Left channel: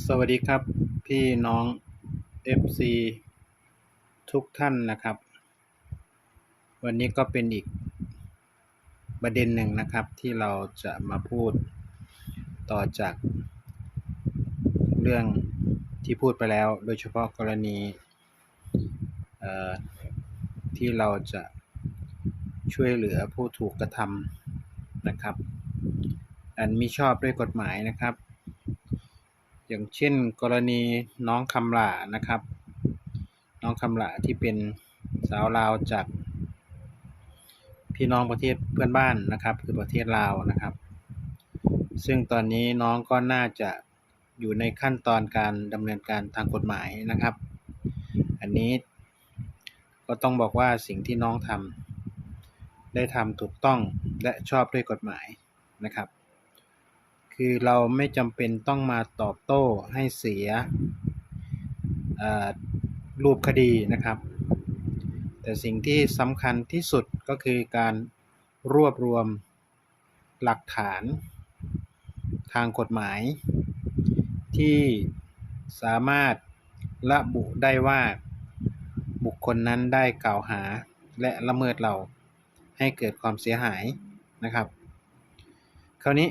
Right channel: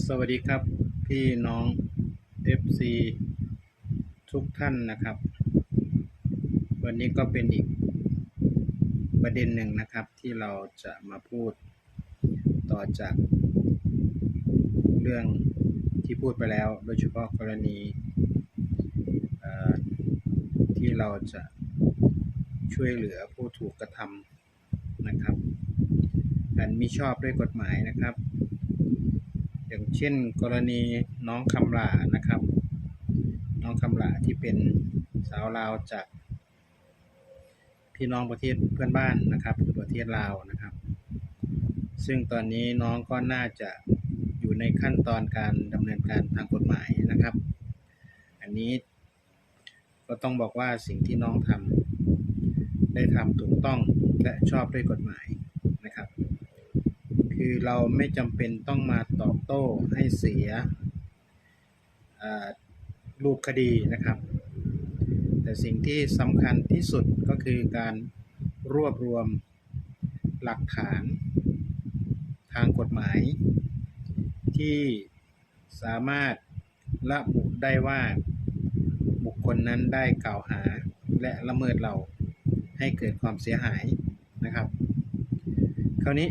สวัสดีครับพี่น้อง FC ทุกท่านนะครับ วันนี้ก็เป็นอีกประเด็นหนึ่งนะครับที่เราจะมาพูดต่อจากเรื่องที่พูดไปแล้ว โดยเฉพาะกรณีที่เราจะช่วยเหลือผู้ถูกกระทำนะครับอันมิชอบด้วยกฎหมายนะครับ อย่างเช่นกรณีน้องคำหลานะครับ น้องคำหลาที่เป็นสาวลาวจากพี่น้องประเทศเพื่อนบ้านนะครับ คือประเทศลาวนะครับ ซึ่งตอนนี้น้องก็น่าจะอยู่ในขั้นตอนการดำเนินการทางกฎหมายนะครับ อันนี้ก็ต้องบอกว่าสิ่งที่น้องทำได้ทำถูกต้องและชอบด้วยกฎหมายนะครับ คือเราไม่จำเป็นต้องมาตอบโต้ให้เสียรูปคดีนะครับ แต่สิ่งที่สำคัญที่สุดก็คือการรวบรวมหลักฐานทางกฎหมาย ที่สามารถระบุได้ว่าบุคคลนั้นได้กล่าวหาและละเมิดเราให้เกิดความเสียหายนะครับ คราวนี้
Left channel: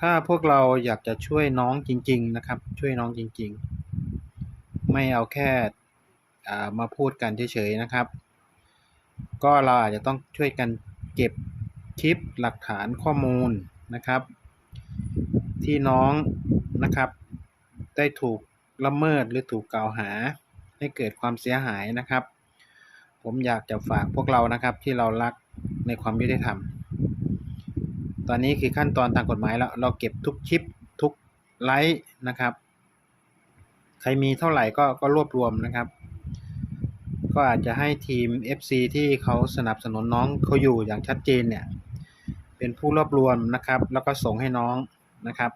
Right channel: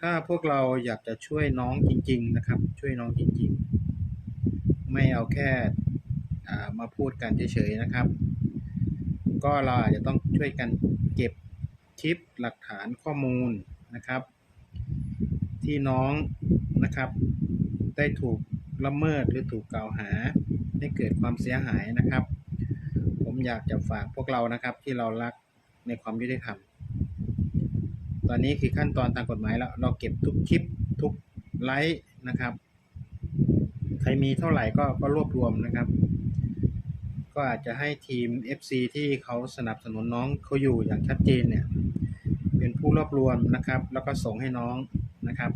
ถ้าพวกเราอยากจะช่วยน้องจริง ๆ นะครับ ช่วยน้องจริง ๆ ไม่เอาแค่ามาพูดกันเฉยๆนะครับ ก็เราอาจจะต้องช่วยกันเก็บคลิปหลักฐานข้อมูลนะครับ ที่น้องนะครับ ได้ถูกละเมิดหรือถูกกล่าวหาให้เกิดความเสียหายนะครับ ผมอยากจะฝากพวกเรานะครับที่เรารักในความยุติธรรม ตอนนี้คือขั้นตอนทางกฎหมายแล้ว เราเก็บทุกคลิปทุกไลค์นะครับ ใครมีเท่าไหร่ก็ก็รวบรวมนะครับ ก็อาจจะให้ทีม FC ที่เขาสนับสนุนน้องเขาอยู่อย่างชัดเจนเนี่ย เป็นผู้รวบรวมนะครับ แล้วก็ส่งให้น้องนะครับ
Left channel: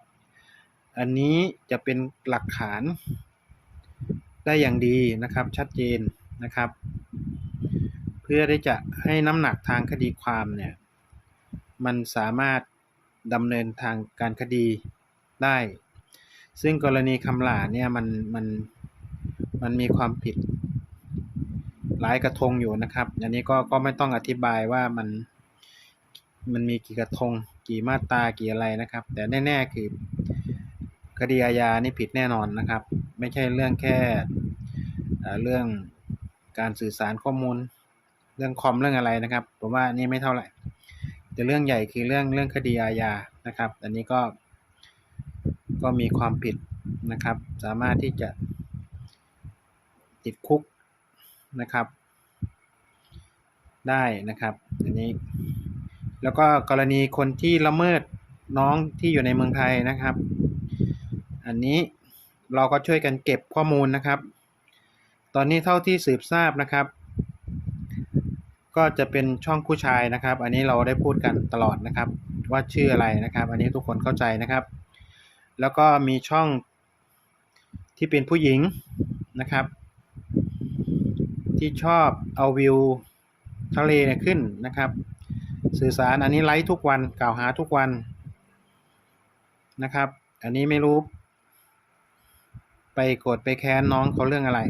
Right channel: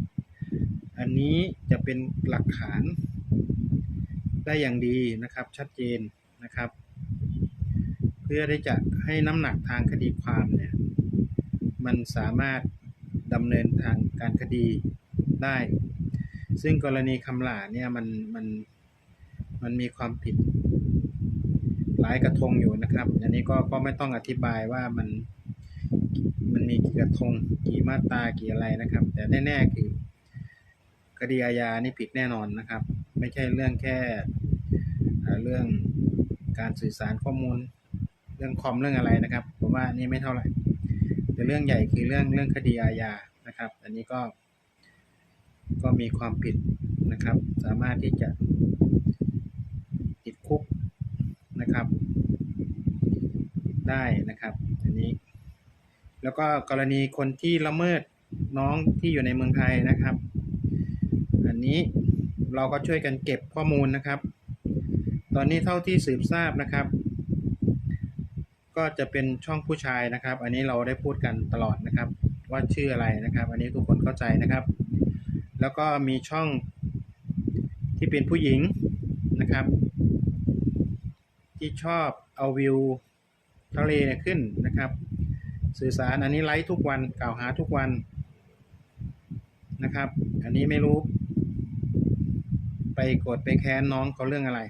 อันนี้จะเป็นหลักฐานได้อย่างดีนะครับชัดเจนนะครับ เพื่อที่จะให้น้ำหนักทางคดีความเนี่ย มันสามารถดำเนินทางการคดีได้ ซึ่งกรณีคำหล่าเนี่ยมันมันมันมีความผิดหลายกระทงอยู่นะครับ อันนี้ก็ก็ไม่ต้องอธิบายว่ามันมันมีกี่กระทงกี่มาตรากี่อะไรนะครับ แต่แน่ๆคือคดีอาญานี่ผิดแน่นอนนะครับ ไม่ใช่เรื่องแค่เเรื่องการสื่อสารข้อมูล เรื่องคอมเรื่องอะไรนะครับ ผมว่านี่ไม่เท่าไหร่ แต่เรื่องใหญ่คือเรื่องเรื่องคดีอาญานะครับ อันนี้ก็ก็มีความผิดนะครับ สามารถที่จะติดคุกนะครับ ได้นะครับอันนี้ แล้วก็กรณีคนที่ละเมิดน้องที่อยู่ในเมืองไทยนะครับ อันนี้เราก็ช่วยกันเก็บข้อมูลนะครับ ตอนนี้เท่าที่สืบทราบนะครับ ก็จะเป็นช่องผู้ชายนะครับ อันนี้เราได้พูดกันตลอดนะครับ ว่าชื่ออะไรนะครับ อันนี้ทุกคนเข้าใจนะครับ แล้วก็มีช่องที่เป็นผู้หญิงนะครับ ที่ชอบเอาวิวทะเลเนี่ยขึ้นนะครับ สื่อสารอันนี้ไลฟ์ทุกวันกล่าวหาทุกวันนะครับ อันนี้ไม่รู้ ไปโกรธไปแค้นน้องเขาเรื่องอะไร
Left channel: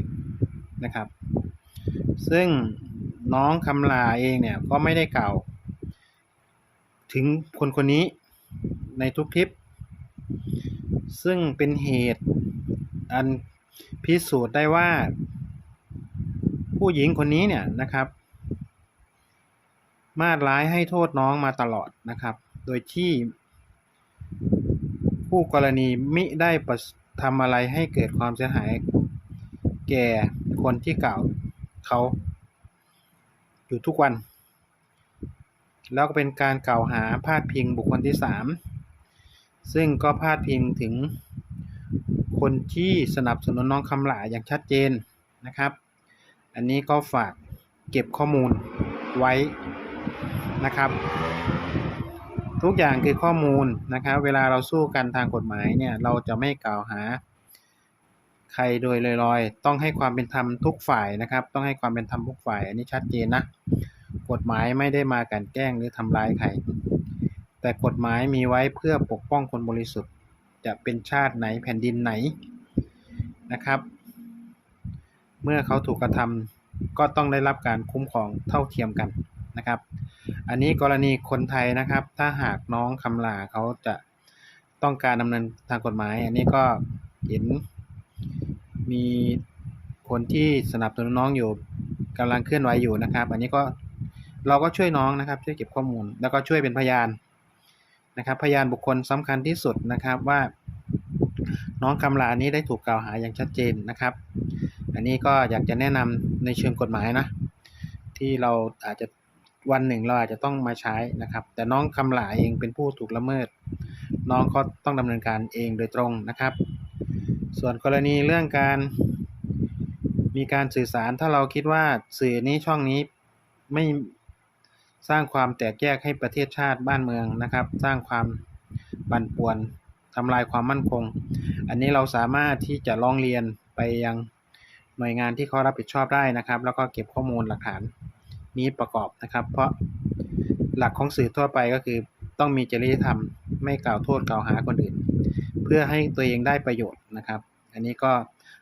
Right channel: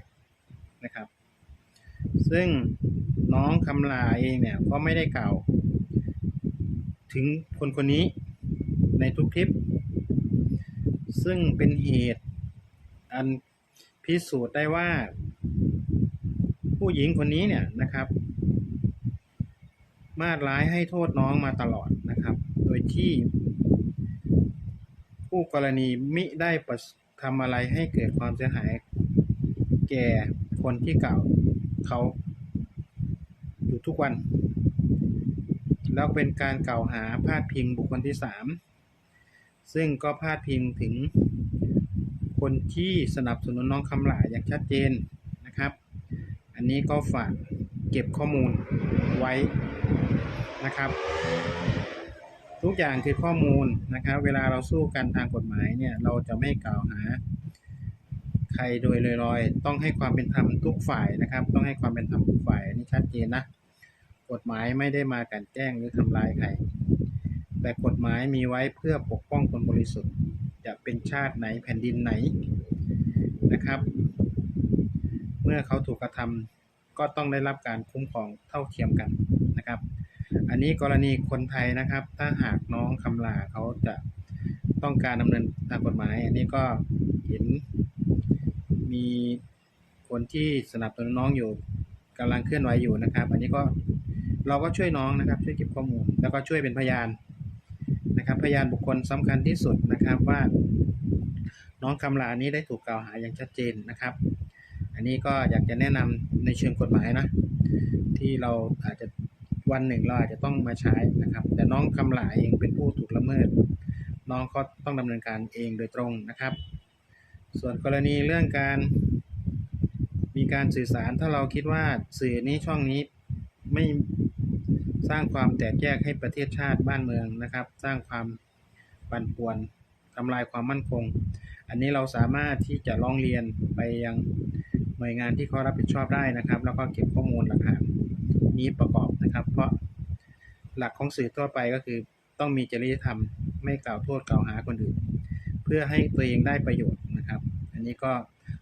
นะครับ ซึ่ง น้องคำลาเองเนี่ยก็ไม่ได้กล่าว ถึงคนคนนี้ในทุกคลิป ซึ่งเป็นเหตุอันพิสูจน์ได้ว่า ผู้หญิงคนนี้เนี่ยนะครับ มาดร้ายให้โทษน้องมาตลอดนะครับ โดยที่ ผู้กรณีมิได้ประทำอะไรให้เกิดความเสียหาย แก่คนที่กล่าวเขา อยู่ทุกวัน แล้วก็เป็นการกล่าวหาพาดพิงบุคคลที่สามซึ่งก็พาดพิงถึงคนที่สนับสนุนน้องคำหลาอย่างชัดเจนนะครับ อันนี้ก็ฝากเก็บข้อมูลไว้นะครับ ทุกอย่างคือข้อมูลนะครับ เวลาเราสู้กันทางกฎหมายเนี่ยเราจะไม่กล่าวหา ใครโดยลอยๆ ต้องให้ความเป็นธรรมทุกฝ่ายนะครับ ต้องให้ความเป็นธรรมทุกฝ่าย อันนี้ชัดเจนนะกฎหมายไม่ได้มากลันแกล้งหรือทำร้ายใคร แต่กฎหมายมีไว้เพื่อปกป้องคนบริสุทธิ์ จะเป็นชาติไหนแผ่นดินไหนนะครับ เมื่อเขาถูกกระทำก็ต้องได้รับการคุ้มครองเท่าเทียมกันนะครับ อันนี้กรณีคนไทยนะครับ ถ้าหากน้องคำลาเขาจะต้องการดำเนินทางกฎหมาย อันนี้ก็เห็น มีคนที่สนับสนุนน้องอยู่กำลังเคลื่อนไหวอยู่นะครับ อันนี้ก็เราก็ช่วยน้องนะครับ ช่วยเก็บข้อมูล แล้วก็ช่วยเป็นพยานนะครับ พยานบุคคลสำคัญที่สุดนะครับว่า น้องคำลานี้ได้ถูกกล่าวหาอย่างชัดเจนนะครับ อันนี้ก็อยากจะแนะนำในเชิงกฎหมายนะ ที่เราอาจจะวันหนึ่งเราอาจจะต้องมาใช้นะครับ แต่น้องคำหลาเองเป็นผู้ถูกละเมิด น้องก็ต้องดำเนินการเองโดยตรงนะครับ ส่วนกรณีเรื่องการมีการสื่อสารถ้าเราคิดว่าสื่อนี้ช่องนี้ไม่สร้างความแตกแยกให้ประเทศชาติบ้านเมืองนะครับ สร้างความบั่นป่วนทำลายความมั่นคง อันนี้เราสามารถที่จะร้องเรียนไปยังหน่วยงานที่เขารับผิดชอบได้นะครับ แล้วก็เก็บข้อมูลหลักฐานนี้ประกอบนะครับ เพราะหลักของสื่อทั่วไปก็คือต้องมีจริยธรรม ไม่กล่าวโทษกล่าวหาคนอื่น พื่อให้ตัวเองได้ประโยชน์นะครับ อันนี้ก็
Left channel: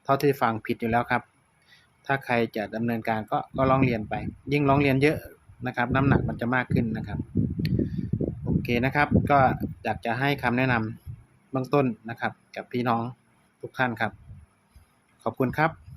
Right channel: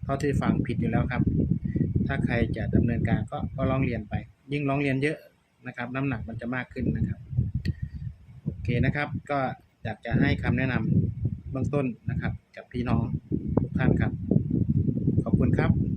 เท่าที่ฟังผิดอยู่แล้วครับ ถ้าใครจะดำเนินการก็ก็ร้องเรียนไป ยิ่งร้องเรียนเยอะนะครับ น้ำหนักมันจะมากขึ้นนะครับโอเคนะครับ ก็อยากจะให้คำแนะนำเบื้องต้นนะครับ กับพี่น้องทุกท่านครับ ขอบคุณครับ